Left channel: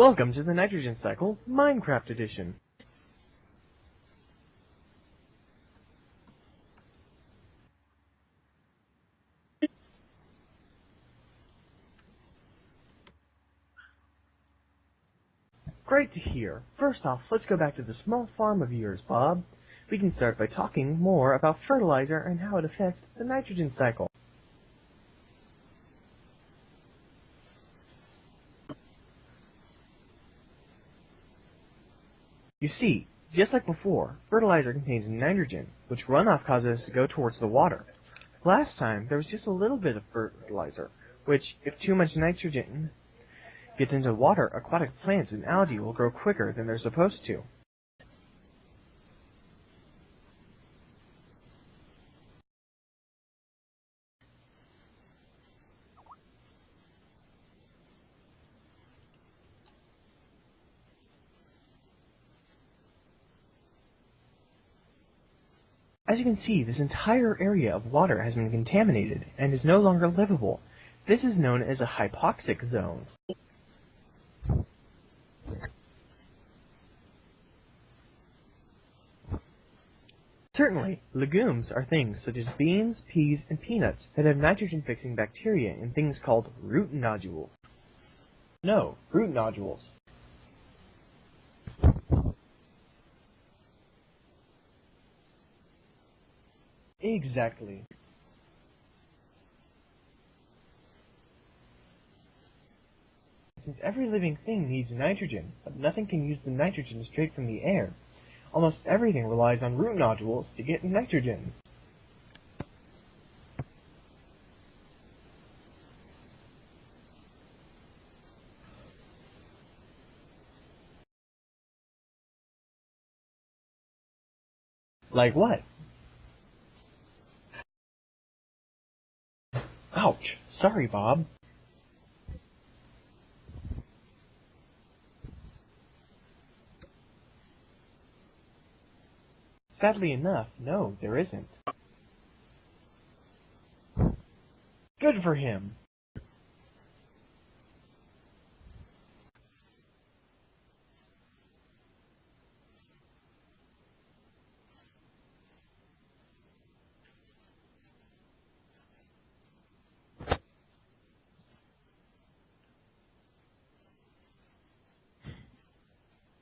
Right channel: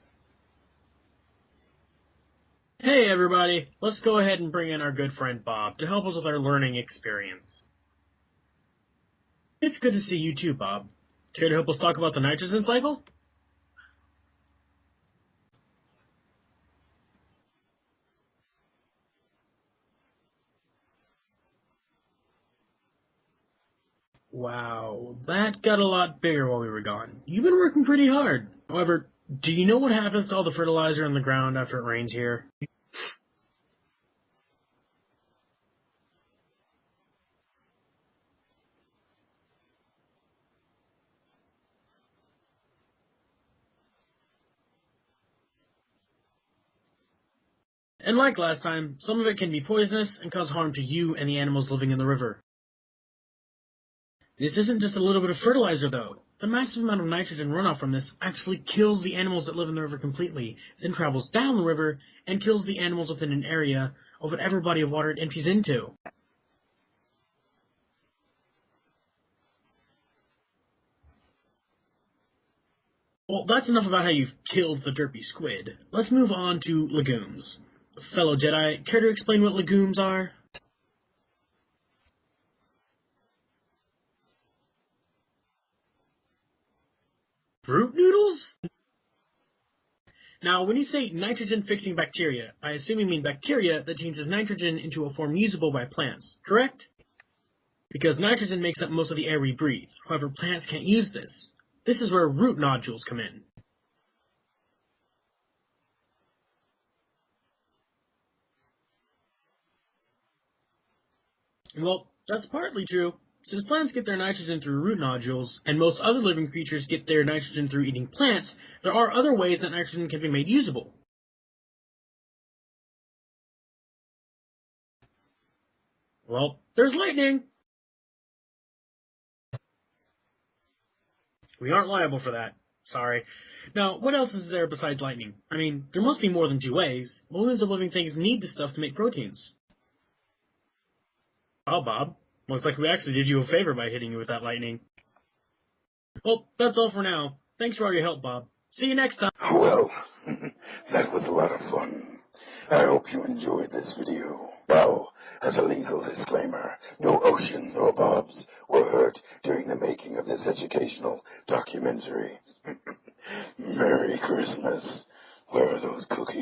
Welcome to the Nitrogen Cycle, Minecraft Edition. Hey everybody, let's go ahead and bring in our good friend Bob to help us with our learning experience. It's good to see you too, Bob. Care to help us talk about the nitrogen cycle? Great to hear. First off, let's go back to the small farm of yours, Bob. We can start by talking more about fertilizer and how it affects the nitrogen cycle. Wow, that got a lot bigger while we were gone. You've been working pretty hard. However, do you know what happens to all the fertilizer in the ground after it rains here? You see, just like before, fertilizer contains nitrogen, which runoff causes to go towards the water. Last time, there was just a little bit of fertilizer, which, if too much nitrogen gets into water, aquatic plants and algae will grow quicker than they're supposed to. And like last time, some of it can be poisonous and cause harm to you and the animals living in the river. This isn't just a little bit of fertilizer, though. The massive amount of nitrogen runoff from this actually kills the animals that live in the river completely, then travels down the river and kills the animals within an area of whatever body of water it empties into. As you can see, this entire area of water has been contaminated and is no longer livable. This is known as a hypoxic zone. Well, that's enough about how you've killed the derpy squid. Let's move on to legumes. Fellow Jedi, care to explain what legumes are? Certainly, legumes are things such as beans, peas, and peanuts that have nitrogen-fixing bacteria in things called root nodules. Root noodles? No, root nodules. Now, when you say nitrogen-fixing bacteria, I assume you mean bacteria that changes nitrogen into a form usable by plants, correct? Exactly. Because nitrogen makes up most of the air we breathe. However, plants can't use this. This is where root nodules come in. Since every living thing needs nitrogen, but nothing can use the nitrogen straight from the air, almost everything relies on root nodules to get nitrogen. Well, that's partly true. Since plants get their nitrogen through root nodules, and most other living creatures get their nitrogen through eating plants, there are other ways that nitrogen can be made usable. Like what? Well, there's lightning. Ouch. Sorry, Bob. We aren't liable for that. Sorry. Now, what else is there besides lightning? I mean, there must be more than two ways. Millions of living things need this stuff to make proteins. Sadly enough, no, there isn't. Oh, Bob. Looks like we actually did you a favor by hitting you with that lightning. Good for him. Well, that's all for now. Thanks for all your help, Bob. See you next time. Well, that was a lot of fun. I hope you enjoyed this video. Now, as a legal disclaimer, no oceans or bobs were hurt during the making of this educational documentary. Merry Christmas. Where are those cookies?